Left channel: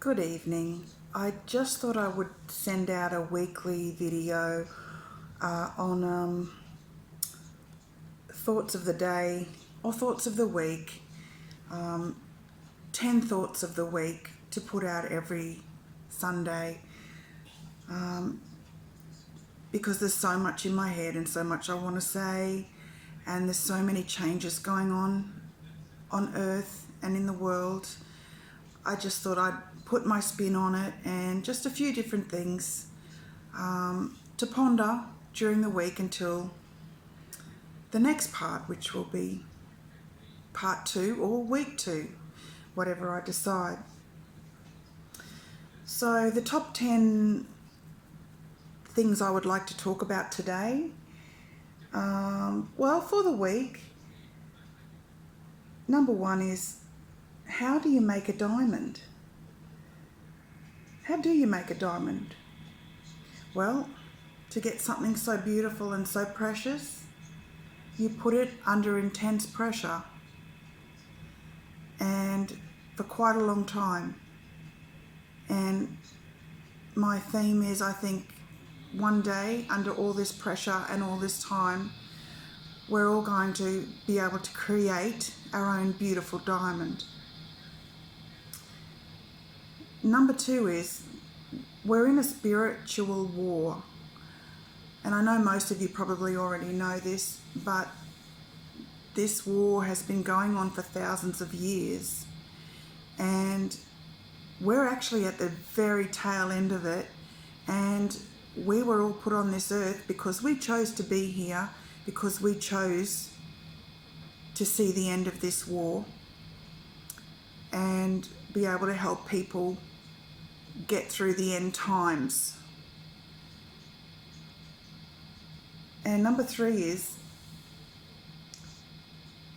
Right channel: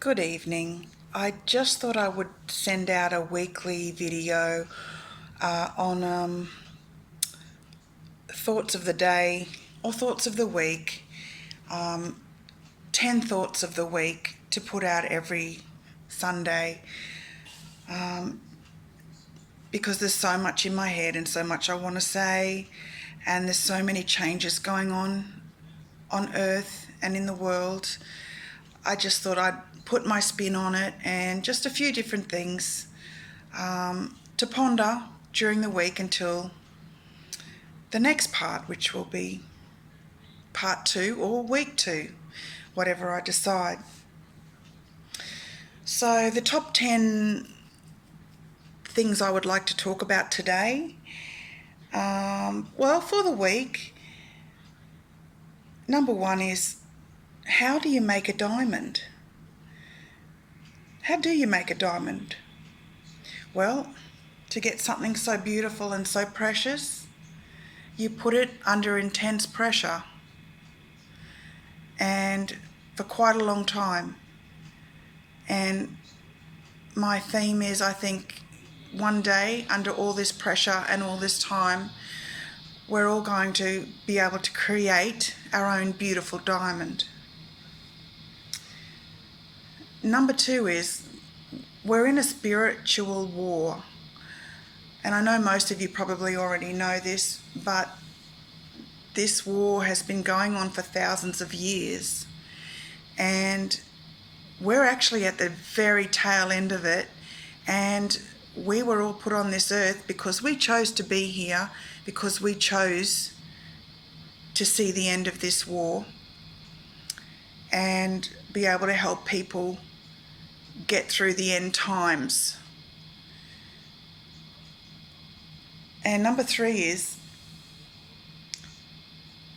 Good evening. I just thought I would send out a weekly video on thoughts of the day or thoughts of the week, 10 thoughts of the week to put out every Sunday because there's so much in my head and so much I want to say, and there's so many changes going on Earth and in the world. I just thought I'd put my spin on it and just a few different things to ponder during the week until the next part, which will be part 2 or week 2, whatever I decide. So the top 10 things I would like to talk about today. Well, for the week, number 1 is, how do you make a diamond? How do you make a diamond? Well, to get something so beautiful and so precious, you put it under intense pressure and for quite a long time. And my theme is, I think, one day, under all this pressure and all this time, we're all going to be able to create our own beautiful diamond. Number 2 is, we're in a spiritual war. And I know most of you probably already know this, but this war has been going on for thousands of years. And we're actually at the very tail end of it. And we were all put on this earth because we chose to be here, because we chose to see the end of this war and be able to help people get through the end times. And number 3 is,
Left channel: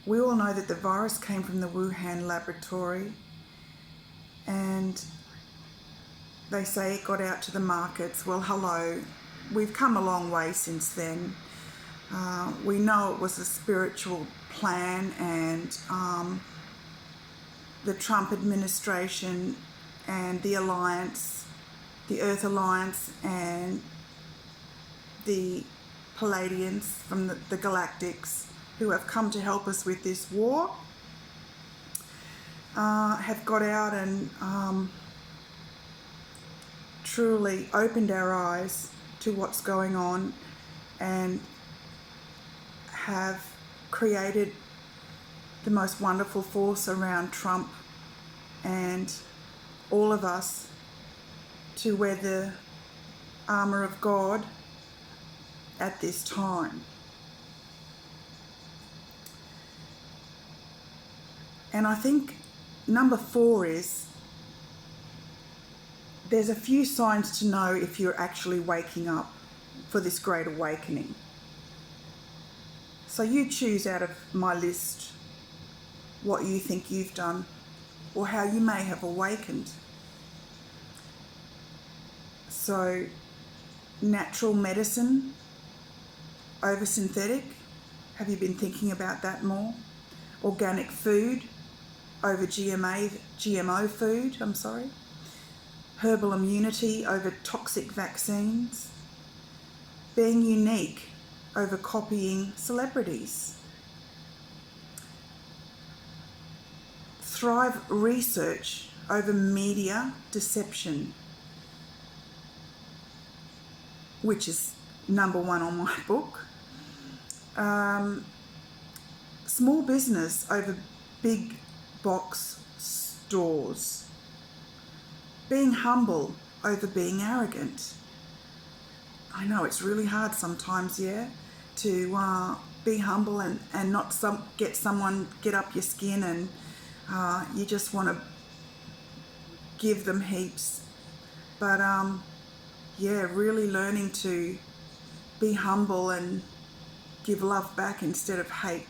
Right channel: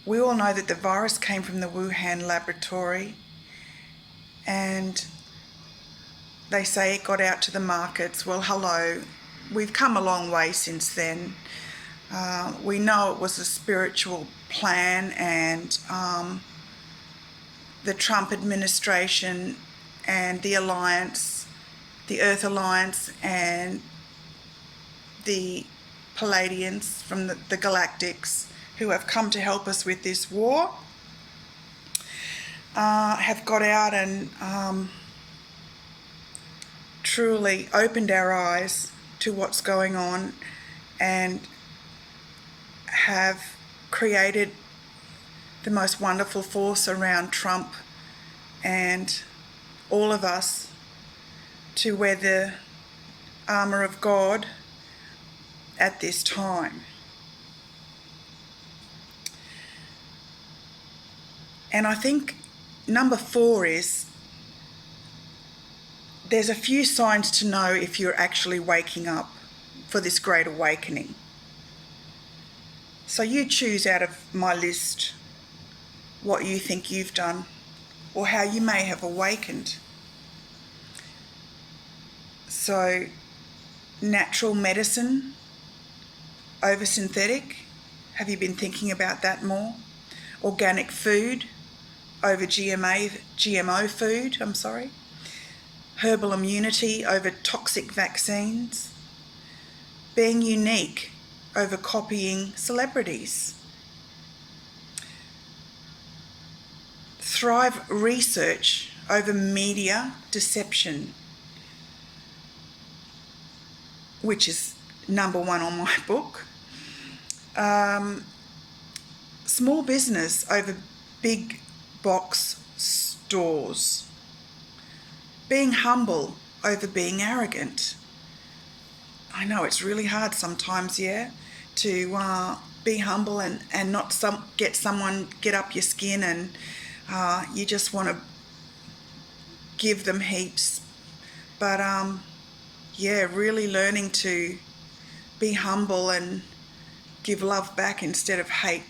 we all know that the virus came from the Wuhan laboratory, and they say it got out to the markets. Well, hello, we've come a long way since then. We know it was a spiritual plan, and the Trump administration and the Alliance, the Earth Alliance, and the Palladians from the Galactics, who have come to help us with this war, have got out and truly opened our eyes to what's going on, and have created the most wonderful force around Trump and all of us to wear the armour of God at this time. And I think number 4 is, there's a few signs to know if you're actually waking up for this great awakening. So you choose out of my list what you think you've done or how you may have awakened. So, natural medicine over synthetic, have you been thinking about that more? Organic food over GMO food, Herbal immunity over toxic vaccines. Being unique over copying celebrities. Thrive research over media deception, which is number 1 on my book. Small business over big box stores. Being humble over being arrogant. I know it's really hard sometimes, to be humble and not get up your skin, and you just want to give them heaps. But really learning to be humble and give love back instead of hate.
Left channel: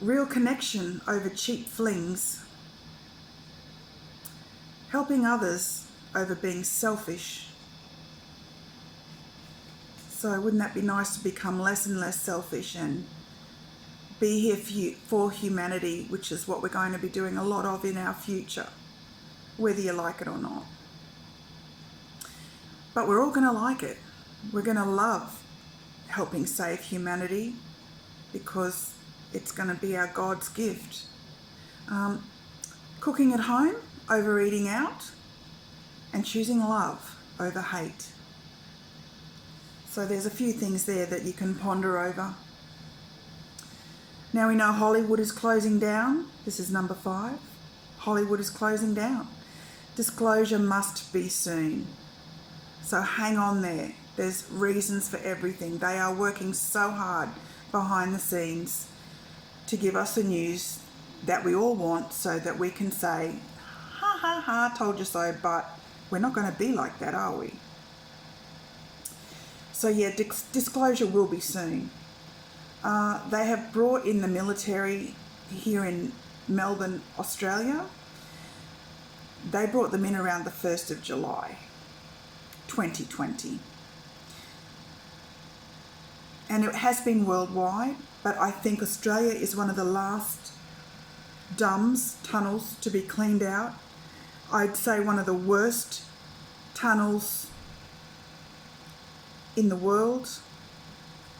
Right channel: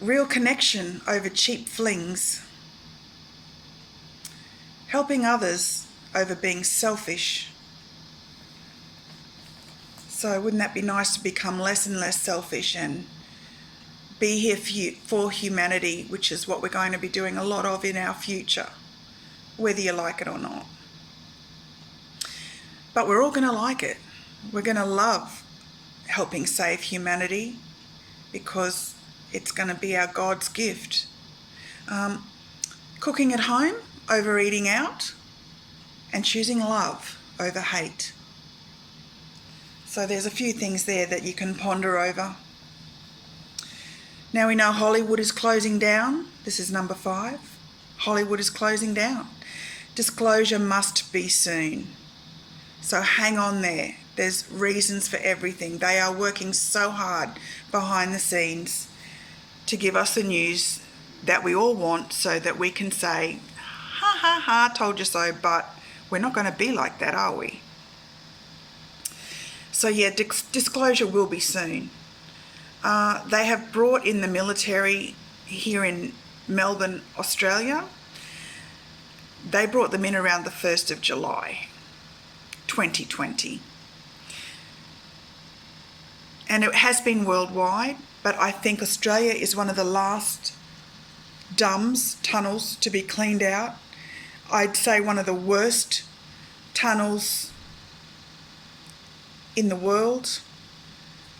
Real connection over cheap flings. Helping others over being selfish. So wouldn't that be nice to become less and less selfish and be here for humanity, which is what we're going to be doing a lot of in our future. whether you like it or not. But we're all going to like it. We're going to love helping save humanity because it's going to be our God's gift. Cooking at home over eating out, and choosing love over hate. So there's a few things there that you can ponder over. Now we know Hollywood is closing down. This is number 5. Hollywood is closing down. Disclosure must be soon. So hang on there. There's reasons for everything. They are working so hard behind the scenes to give us the news that we all want so that we can say, ha ha ha, told you so, but we're not going to be like that, are we? So yeah, disclosure will be soon. They have brought in the military here in Melbourne, Australia. They brought them in around the 1st of July, 2020. And it has been worldwide, but I think Australia is one of the last tunnels to be cleaned out. I'd say one of the worst tunnels in the world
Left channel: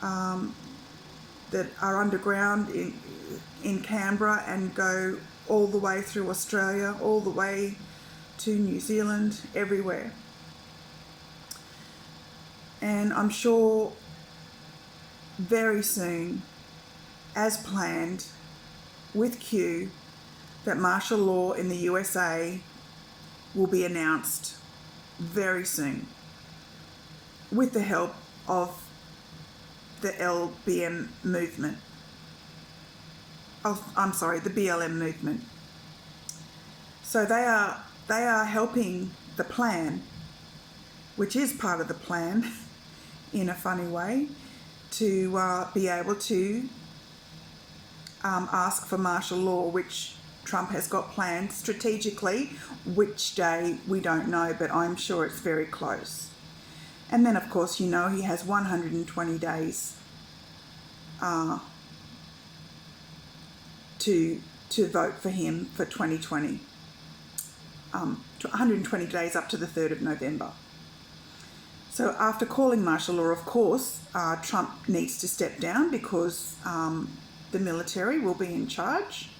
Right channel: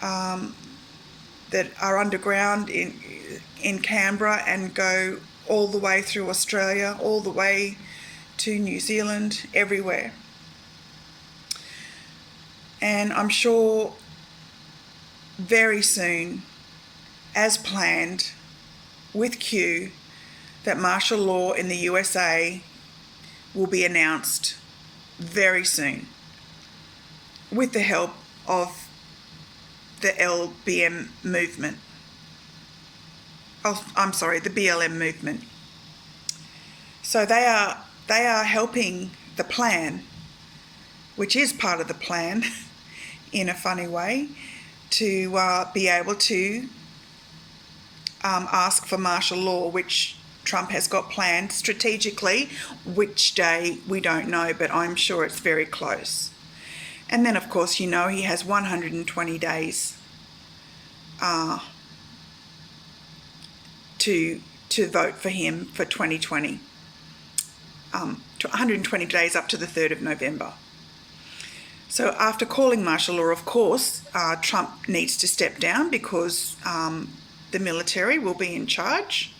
that are underground in Canberra and go all the way through Australia, all the way to New Zealand, everywhere. And I'm sure very soon, as planned, with Q, that martial law in the USA will be announced very soon with the help of the LBM movement. Oh, I'm sorry, the BLM movement. So they are helping the plan, which is part of the plan in a funny way, to be able to ask for martial law, which Trump has got planned strategically. Which day, we don't know, but I'm sure it's very close. And then, of course, he has 120 days to vote for him for 2020. 120 days up to the 3rd of November. So after calling martial law, of course, Trump needs to step down because the military will be in charge.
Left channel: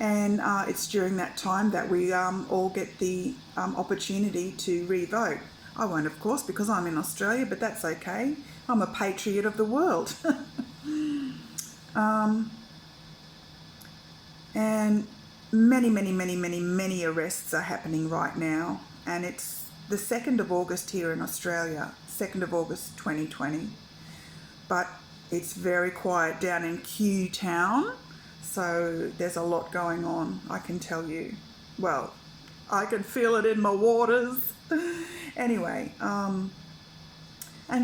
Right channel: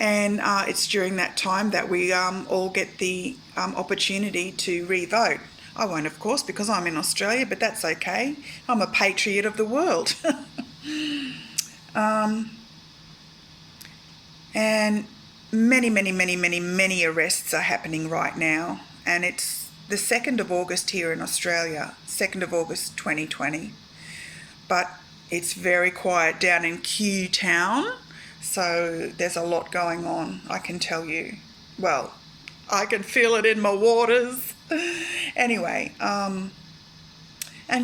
And it's during that time that we all get the opportunity to re-vote. I won't, of course, because I'm in Australia, but that's okay. I'm a patriot of the world. And many arrests are happening right now. And it's the 2nd of August here in Australia, 2nd of August 2020. But it's very quiet down in Q Town. So there's a lot going on, I can tell you. Well, I can feel it in my waters. Anyway, and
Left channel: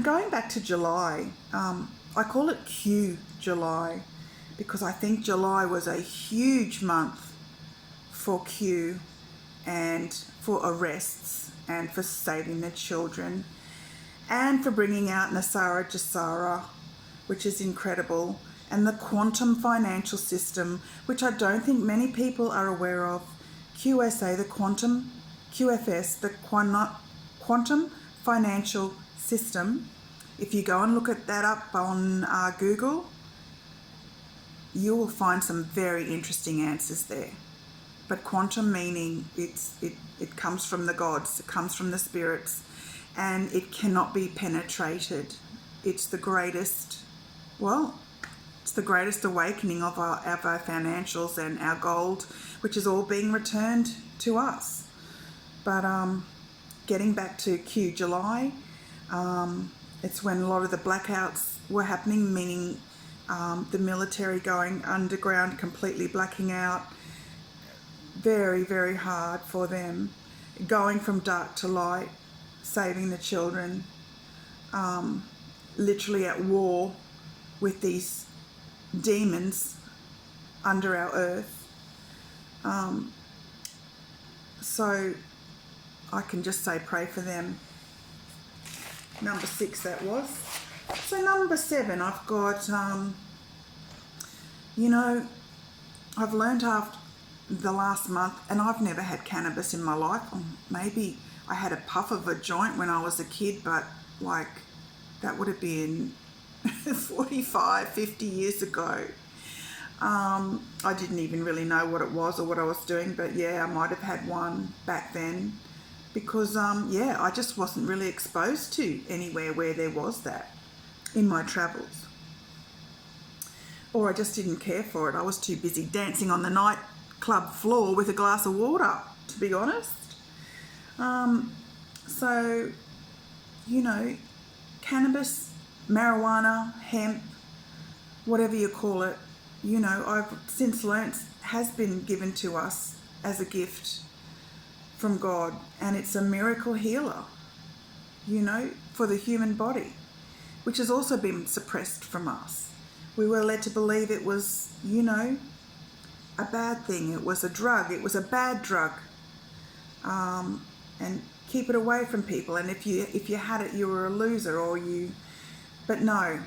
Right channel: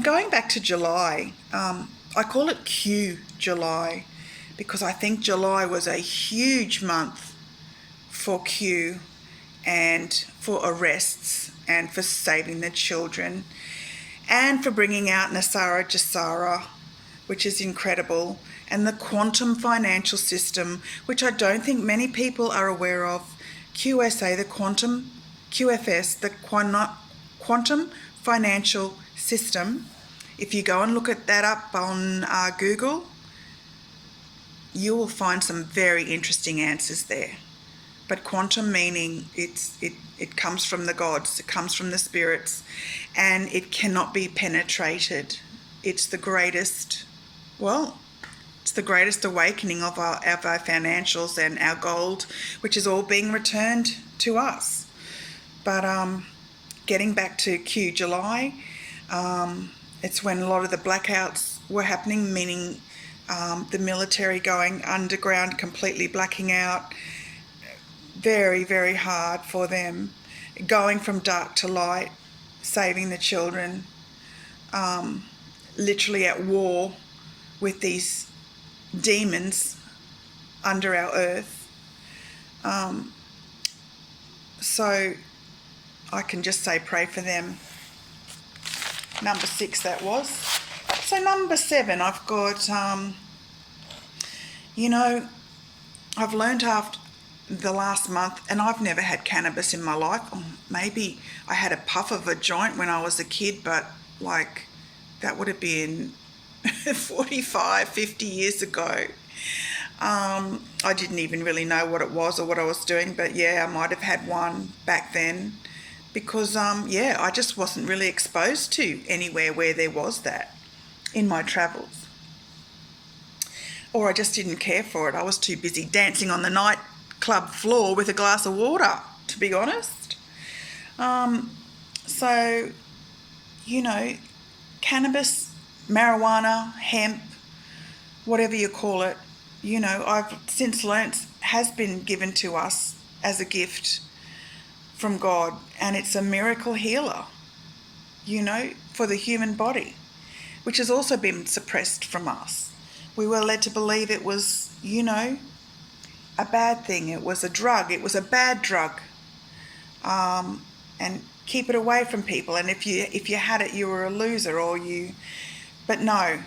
going back to July, I call it Q July because I think July was a huge month for Q and for arrests and for saving the children and for bringing out NESARA GESARA, which is incredible, and the quantum financial system, which I don't think many people are aware of. QSA, the quantum, QFS, the quantum financial system. If you go and look at that up on Google, you will find some very interesting answers there. But quantum meaning it comes from the gods, it comes from the spirits, and it cannot be penetrated. It's the greatest, it's the greatest awakening of our financials and our gold, which is all being returned to us. But getting back to Q July, it's when a lot of the blackouts were happening, meaning the military going underground, completely blacking out. Very, very hard for them. Going from dark to light, saving the children, literally at war with these demons under our earth. So I can just say pray for them. Number 6 that was. So number 7, I've got, I've learned the last month, and I've never had cannabis in my life. Maybe I had a puff of a joint when I was a kid, but like that would have been 45, 50 years ago. I didn't even really know what it was or what I was doing, but yeah, I might have had one back then because, I just wasn't really exposed to anywhere where there was that in my travels. Or I just didn't care for it. I was too busy dancing on the nightclub floor with a glass of water, to be honest. So, cannabis, marijuana, hemp, whatever you call it, I've since learnt has been given to us as a gift from God, and it's a miracle healer, for the human body, which has also been suppressed from us. We were led to believe it was, a bad thing. It was a drug. It was a bad drug. And keep it away from people. And if you had it, you were a loser, But no.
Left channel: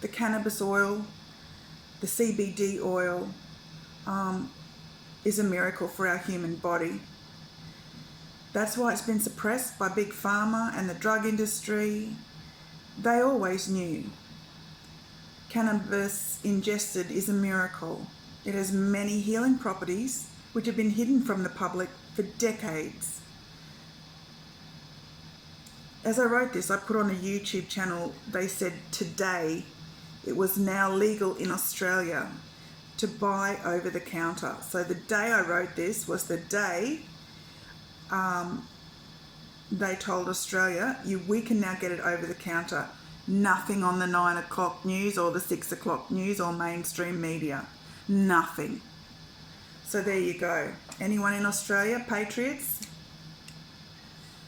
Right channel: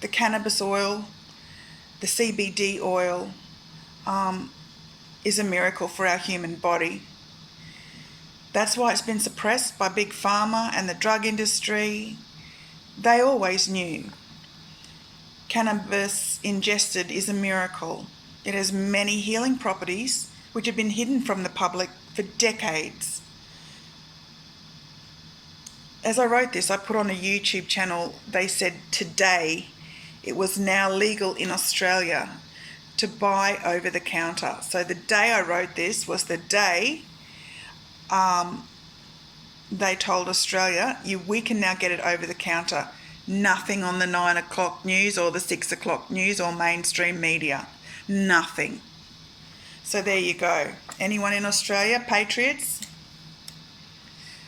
The cannabis oil, the CBD oil, is a miracle for our human body. That's why it's been suppressed by Big Pharma and the drug industry. They always knew. Cannabis ingested is a miracle. It has many healing properties which have been hidden from the public for decades. As I wrote this, I put on a YouTube channel, they said today it was now legal in Australia to buy over the counter. So the day I wrote this was the day they told Australia, we can now get it over the counter. Nothing on the 9 o'clock news or the 6 o'clock news or mainstream media. Nothing. So there you go. Anyone in Australia, patriots?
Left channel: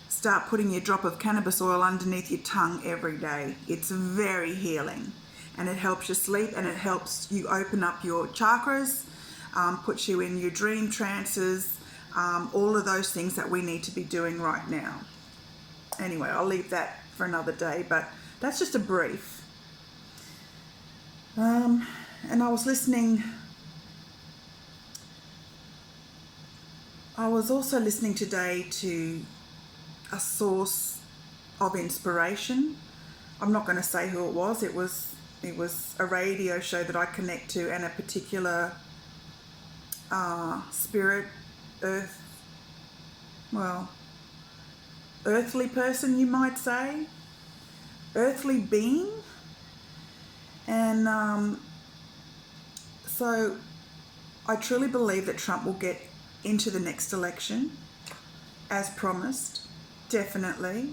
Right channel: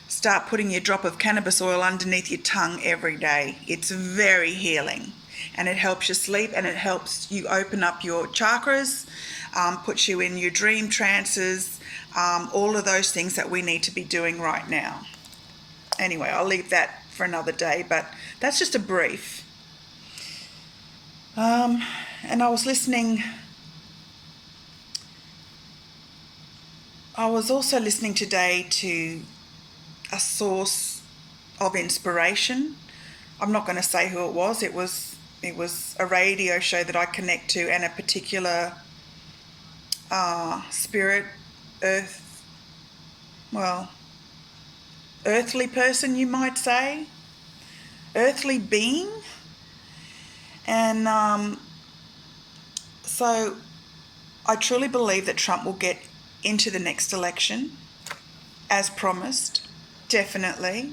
Start putting your drop of cannabis oil underneath your tongue every day. It's very healing, and it helps you sleep, and it helps you open up your chakras, puts you in your dream trances, all of those things that we need to be doing right now. Anyway, I'll leave that for another day, but that's just a brief. And I was also listening today to a source of inspiration. I'm not going to say who it was. It was a radio show that I connect to, and a particular spirit, earthly person, you might say, earthly being. And so I truly believe that Trump will get into the next election as promised, definitely.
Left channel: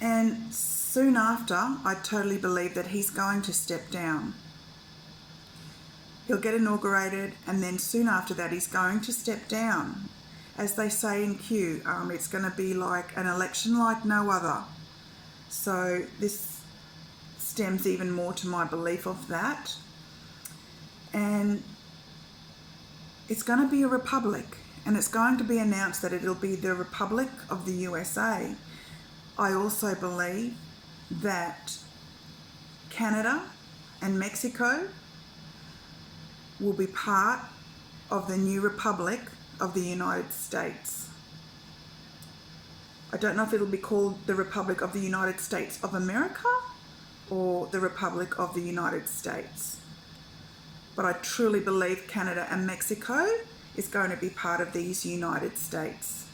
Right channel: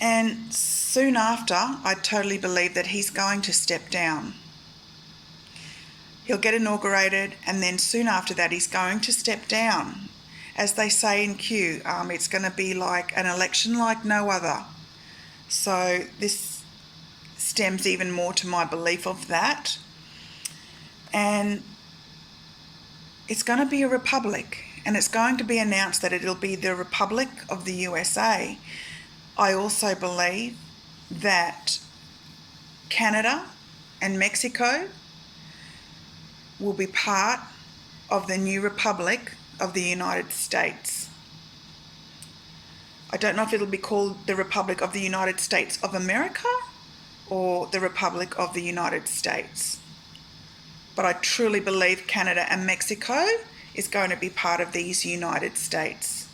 And soon after, I totally believe that he's going to step down. He'll get inaugurated, and then soon after that he's going to step down. As they say in Q, it's going to be like an election like no other. So this stems even more to my belief of that. And it's going to be a republic, and it's going to be announced that it'll be the Republic of the USA. I also believe that Canada and Mexico will be part of the new Republic of the United States. I don't know if it'll be called the Republic of the United States of America or the Republic of the United States. But I truly believe Canada and Mexico is going to be part of these United States.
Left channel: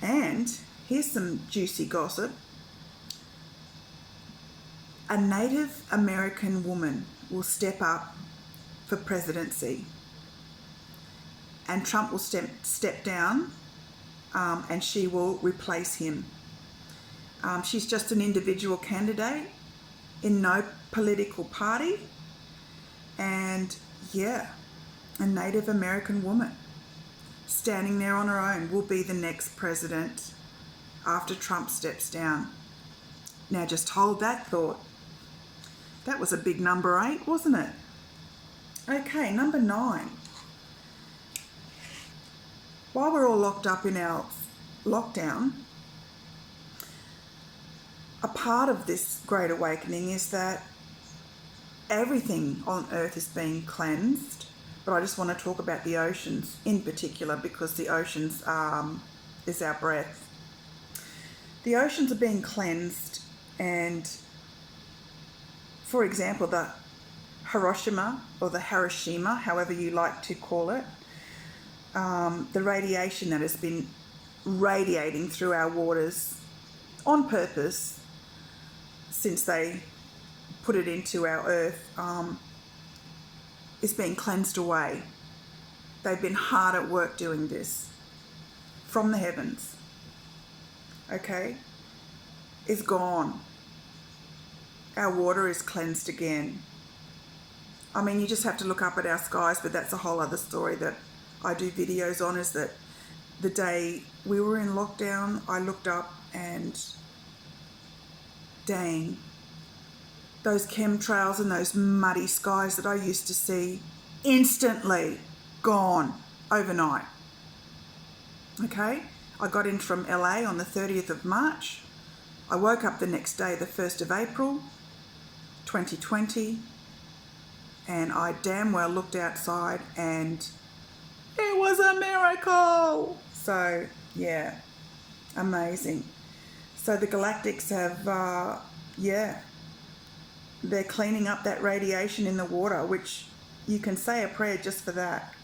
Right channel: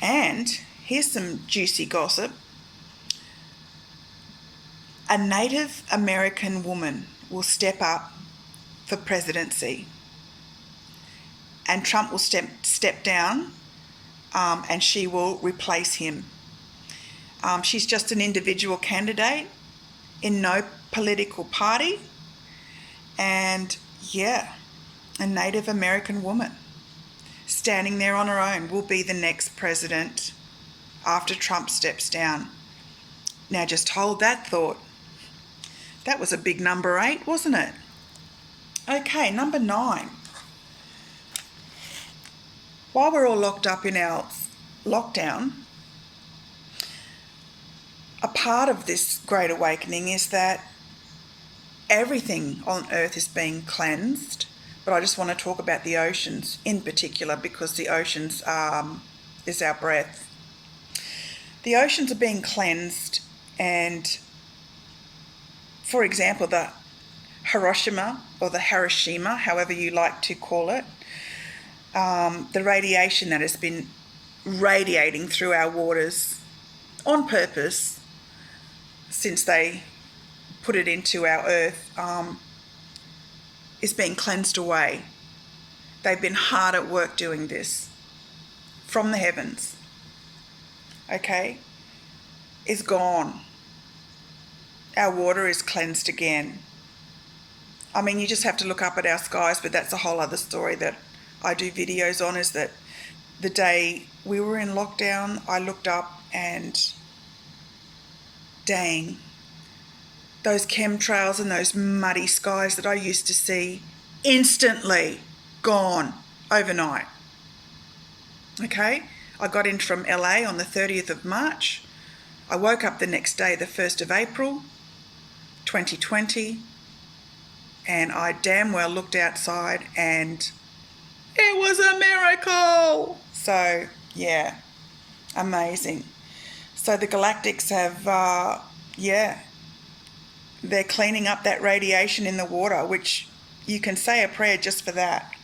And here's some juicy gossip. A Native American woman will step up for presidency, and Trump will step down, and she will replace him. She's just an individual candidate in no political party, and a Native American woman standing there on her own will be the next president after Trump steps down. Now just hold that thought. That was a big number 8, wasn't it? Okay, number 9. While we're all locked up in our lockdown, a part of this great awakening is that everything on earth is being cleansed, but I just want to talk about the oceans in particular because the oceans is our breath. The oceans are being cleansed, and for example, the Hiroshima, or the Hiroshima, however you like to call it, the radiation that has been radiating through our waters on purpose since they put it into our earth is being cleansed away. They've been hard at work doing this from the heavens. Okay? Is gone. Our water is cleansed again. I mean, you just have to look up at our skies, but that's a whole other story that I do videos on, is that the day we were in lockdown, I looked up and dang, those chemtrails and those muddy skies that I used to see, instantly gone overnight. Okay? I got in from LA on the 30th of March. I woke up the next day, the 1st of April, 2020, and I damn well looked outside and it was a miracle. So, yeah, amazing. So the galactics have, they're cleaning up that radiation in the water, which you can say a prayer just for that.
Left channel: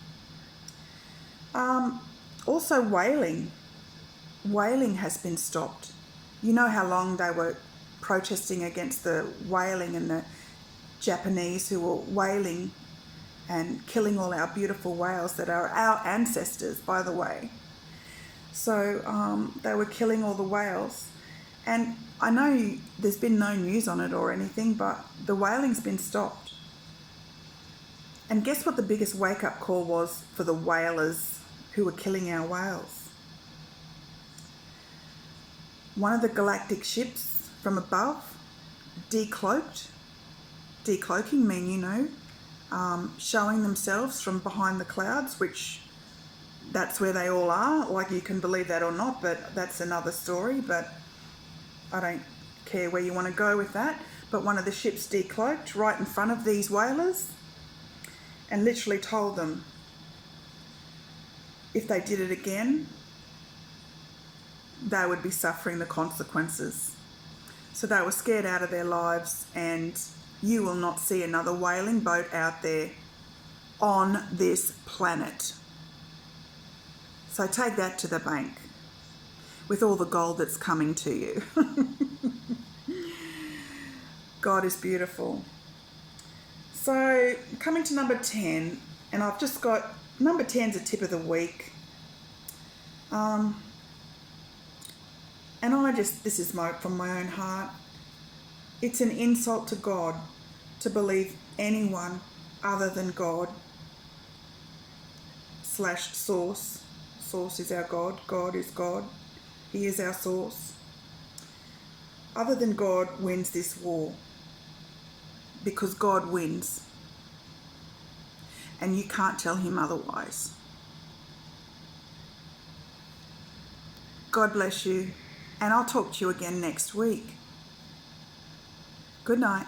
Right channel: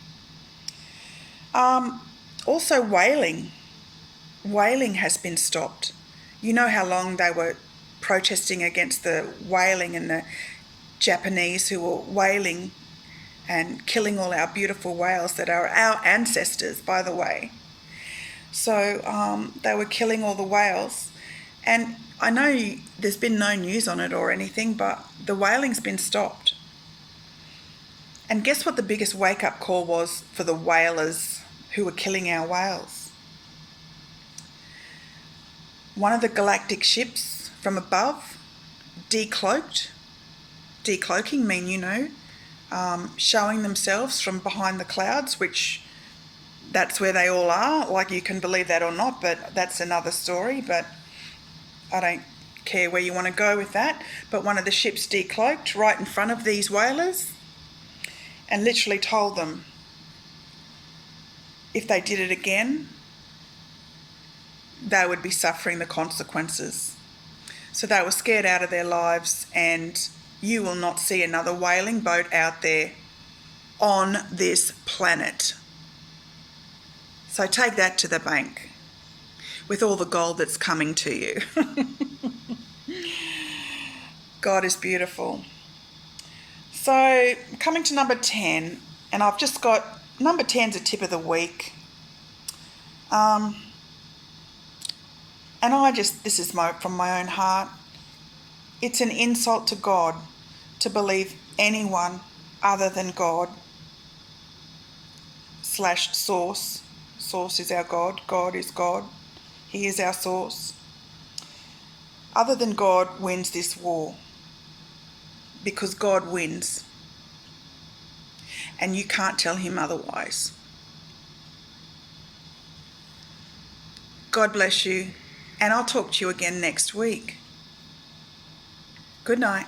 Also whaling. Whaling has been stopped. You know how long they were protesting against the whaling, and the Japanese who were whaling and killing all our beautiful whales that are our ancestors, by the way. So they were killing all the whales. And I know there's been no news on it or anything, but the whaling's been stopped. And guess what the biggest wake-up call was for the whalers who were killing our whales? One of the galactic ships from above decloaked. Decloaking mean, showing themselves from behind the clouds, which that's where they all are. Like, you can believe that or not, but that's another story. But I don't care where you want to go with that. But one of the ships decloaked right in front of these whalers and literally told them if they did it again, they would be suffering the consequences. So they were scared out of their lives, and you will not see another whaling boat out there on this planet. So take that to the bank with all the gold that's coming to you. God is beautiful. So coming to number 10, and I've just got, number 10's a tip of the week. And this is from my own heart. It's an insult to God to believe anyone other than God / source. Source is our God. God is God. He is our source. Other than God wins this war, because God wins. And you can't tell him otherwise. God bless you, and I'll talk to you again next week. Good night.